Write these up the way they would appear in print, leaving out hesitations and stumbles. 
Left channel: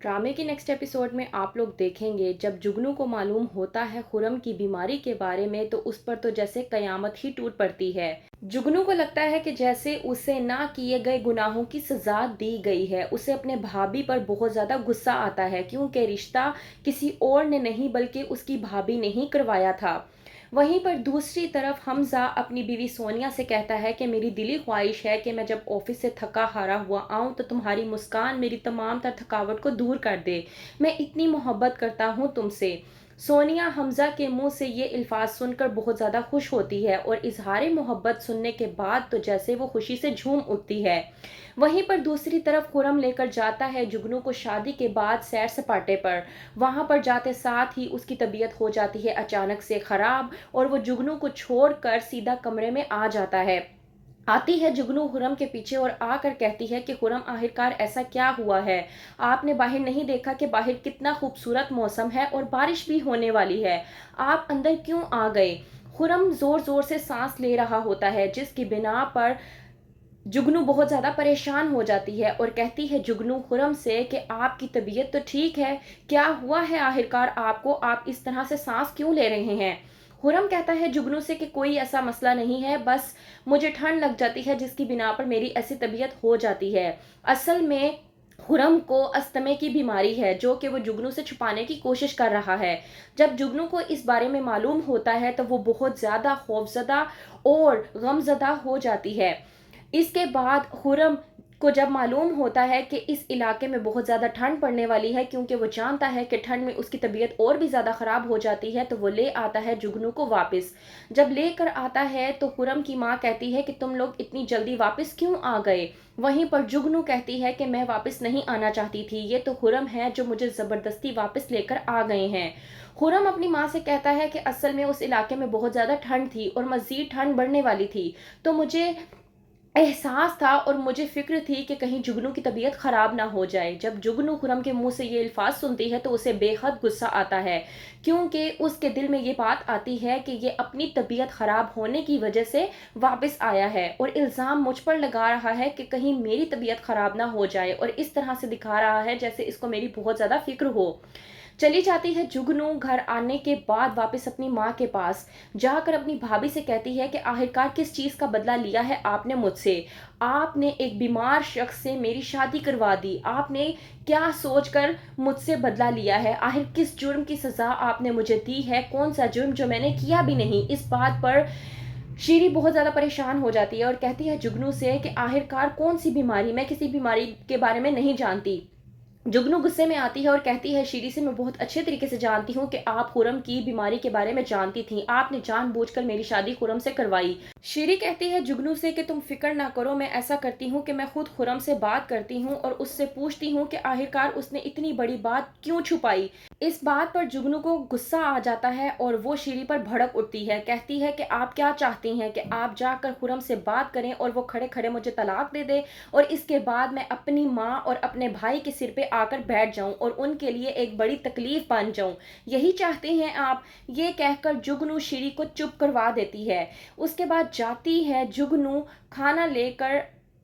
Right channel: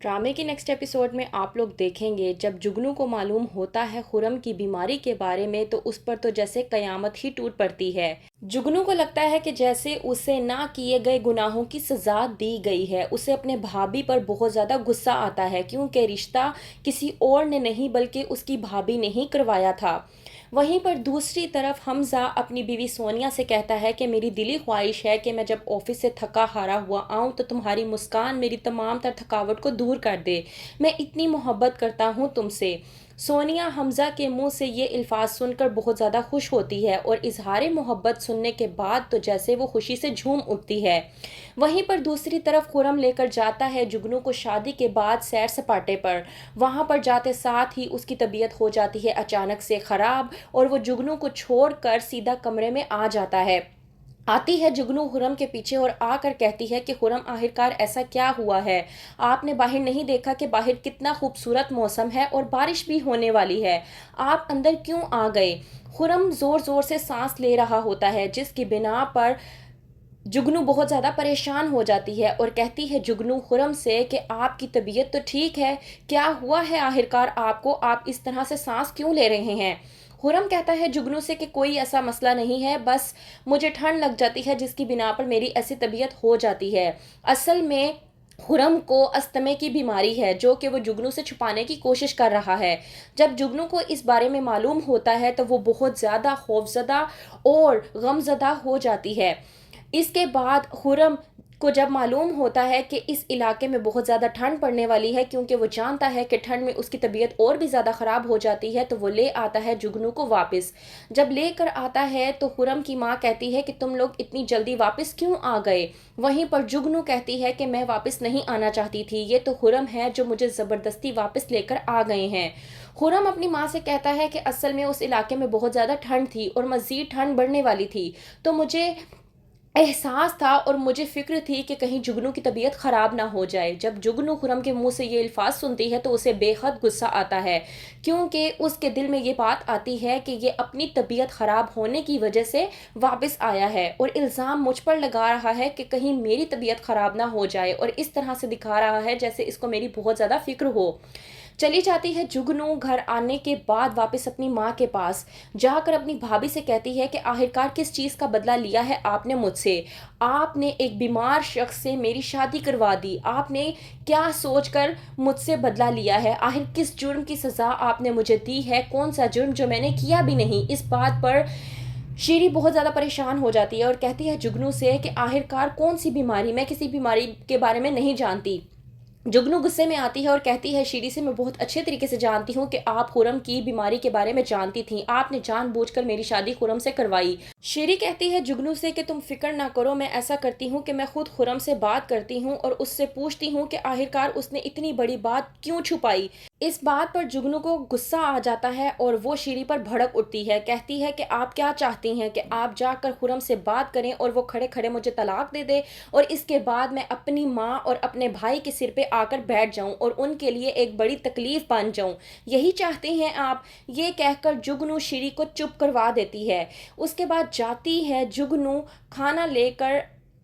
ड्रामे के next episode में आप लोग देखेंगे जब जुगनू को मालूम होता है खुरम की बीमारी के बारे में तो उस पर तो जैसे कयामत ही टूट पड़ती है। जुगनू को लगता है कि जैसे उसे ना किए गए गुनाहों की सजा दी गई है। उसे अपने भाभी पर बहुत ज़्यादा गुस्सा आता है क्योंकि रिश्ता किसी और ने नहीं बल्कि उसकी भाभी ने ही करवाया था। वहीं पर दूसरी तरफ हमज़ा अपनी बीवी सोनिया से कहता है कि मेरी दिली ख्वाहिश है कि मैं जब ऑफिस से थका हारा हुआ आऊँ तो तुम्हारी मुस्कान मेरी तमाम तर थकावट को दूर कर दे। मैं इतनी मोहब्बत करता हूँ तुमसे। सोनिया हमज़ा के मुंह से ये अल्फाज सुनकर बहुत ज़्यादा खुश होती है और इजहार मोहब्बत सुनने के बाद तो जैसे वो खुशी से झूम उठती है। वहीं पर दूसरी तरफ खुरम लेकर जाता है जुगनू को शादी के बाद सैर सपाटे पर। वहां पर जाते साथ ही उसकी तबीयत हो जाती है अचानक से ख़राब और वो जुगनू को छोड़कर सीधा कमरे में आ जाता है। आती है जुगनू खुरम के पीछे और आकर कहती है कि खुरम आखिरकार ऐसा क्या हुआ है। आपने बाहर नहीं देखा कि बाहर कितना खूबसूरत मौसम है और बारिश भी होने वाली है। आप अंदर क्यों आ गए। खुरम जोर जोर से सांस ले रहा होता है जिसकी बिना पर जुगनू बहुत ज़्यादा परेशान हो जाती है और कहती है जुगनू खुरम से कि आपकी तबीयत तो ठीक है, क्या हुआ है आखिरकार आपको, आप इस तरह से सांस क्यों ले रहे हैं। खुरम कहता है जुगनू से कि कोई ऐसा मसला नहीं है, बस मुझे ठंड लग जाती है जिसकी बिना पर मेरी ऐसी तबीयत हो जाती है। असल में खुरम को अस्थमे की बीमारी है जो कि वो जुगनू से छुपाने की कोशिश कर रहा है। जब जुगनू को इस बारे में मालूम होता है तो वो बहुत ज़्यादा खौफजदा और गमज़दा हो जाती है। इसके बाद खुरम को जब मालूम होता है कि इस इलाके में बहुत ज़्यादा ठंड पड़ने वाली है क्योंकि वो जानता है कि ठंड में उसकी तबीयत और भी ज़्यादा ख़राब हो जाती है तो वो ले आता है जुगनू को वापस। जब लेकर आता है तो खुरम की माँ कहती है कि तुम लोग इतनी जल्दी वापस क्यों आ गए। वहीं पर जुगनू कहती है कि मैं वापस नहीं आना चाहती थी, ये तो खुरम है जो मुझे ज़बरदस्ती वापस लेकर आ गए हैं। खुरम अपनी माँ से कहता है कि असल में उस इलाके में बहुत ज़्यादा ठंड थी और मज़ीद ठंड बढ़ने वाली थी, तो मुझे एहसास था और मुझे फ़िक्र थी कि कहीं जुगनू की तबीयत ख़राब ना हो जाए। जब जुगनू खुरम के मुंह से ये अल्फाज सुनती है तो उसे बेहद गुस्सा आता है क्योंकि उसके दिल में ये बात आती है कि ये अपनी तबीयत ख़राब होने की वजह से वापस आया है और इल्ज़ाम मुझ पर लगा रहा है कि कहीं मेरी तबीयत ख़राब ना हो जाए और इस तरह से दिखा रहा है जैसे इसको मेरी बहुत ज़्यादा फ़िक्र हो। चली जाती है जुगनू घर आने के बाद वापस अपनी माँ के पास जाकर अपनी भाभी से कहती है कि आखिरकार किस चीज़ का बदला लिया है आपने मुझसे। आपने एक बीमार शख्स से मेरी शादी करवा दी, आपने क्या सोचकर मुझसे बदला लिया है, आखिर किस जुर्म की सज़ा आपने मुझे दी है, कौन सा जुर्म जो मैंने किया भी नहीं। इस बात पर शीरी बहुत ज़्यादा परेशान हो जाती है और कहती है जुगनू से कि आखिरकार कौन सी बीमारी, मैं किसी बीमारी के बारे में नहीं जानती। जुगनू गुस्से में आती है और कहती है शीरी से मैं बहुत अच्छे तरीके से जानती हूँ कि आप खुरम की बीमारी के बारे में जानती थी, आपने जानबूझकर मेरी शादी खुरम से करवाई। शीरी कहती है जुगनू से कि तुम फिक्र ना करो, मैं ऐसा करती हूँ कि मैं खुद खुरम से बात करती हूँ और उससे पूछती हूँ कि आखिरकार उसने इतनी बड़ी बात क्यों छुपाई। इस बात पर जुगनू को गुस्सा आ जाता है और वो शीरी पर भड़क उठती है, कहती है कि आप क्या चाहती हैं कि आप जाकर खुरम से बात करें और वो खड़े खड़े मुझे तलाक दे दे और इसके बाद मैं अपनी माँ और अपने भाई के सिर पे आकर बैठ जाऊं और उनके लिए एक बड़ी तकलीफ बन जाऊं, यही चाहते हैं आप। ये कहकर जुगनू शीरी को चुप करवा देती है। उसके बाद जाती है जुगनू खाना लेकर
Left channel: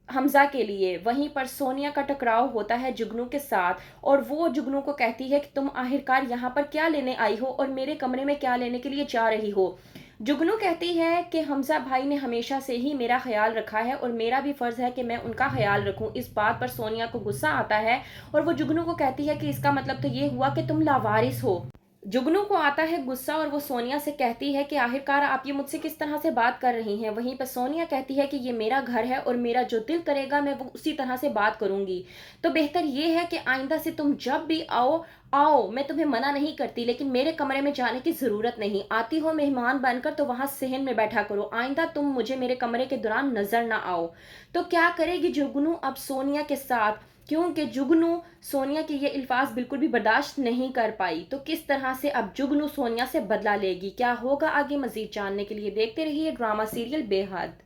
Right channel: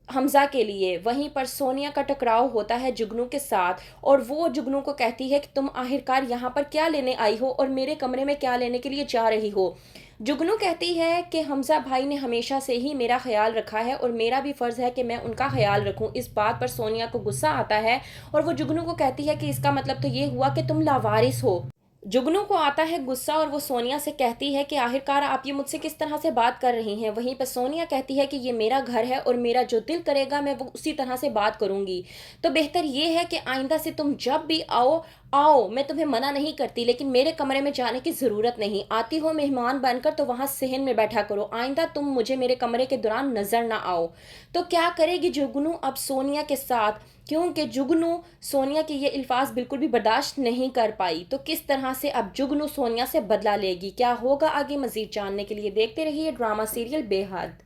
हमजा के लिए। वहीं पर सोनिया का टकराव होता है जुगनू के साथ और वो जुगनू को कहती है कि तुम आखिरकार यहाँ पर क्या लेने आई हो और मेरे कमरे में क्या लेने के लिए जा रही हो। जुगनू कहती है कि हमजा भाई ने हमेशा से ही मेरा ख्याल रखा है और मेरा भी फ़र्ज़ है कि मैं उनका ख्याल रखूं। इस बात पर सोनिया को गुस्सा आता है और वो जुगनू को कहती है कि इसका मतलब तो ये हुआ कि तुम लावारिस हो। जुगनू को आता है गुस्सा और वो सोनिया से कहती है कि आखिरकार आप ये मुझसे किस तरह से बात कर रही हैं। वहीं पर सोनिया कहती है कि ये मेरा घर है और मेरा जो दिल करेगा मैं वो उसी तरह से बात करूंगी, तो बेहतर ये है कि आइंदा से तुम जब भी आओ आओ, मैं तुम्हें मना नहीं करती, लेकिन मेरे कमरे में जाने की ज़रूरत नहीं। आती हो मेहमान बनकर तो वहाँ सहन में बैठा करो, आइंदा तुम मुझे मेरे कमरे के दौरान नज़र ना आओ। तो क्या करेगी जुगनू अब सोनिया के साथ, क्योंकि जुगनू सोनिया के ये अल्फाज बिल्कुल भी बर्दाश्त नहीं कर पाई। तो किस तरह से अब जुगनू सोनिया से बदला लेगी, क्या होगा आगे, मज़ीद जानने के लिए देखते रहिए ड्रामा सीरियल बेहद।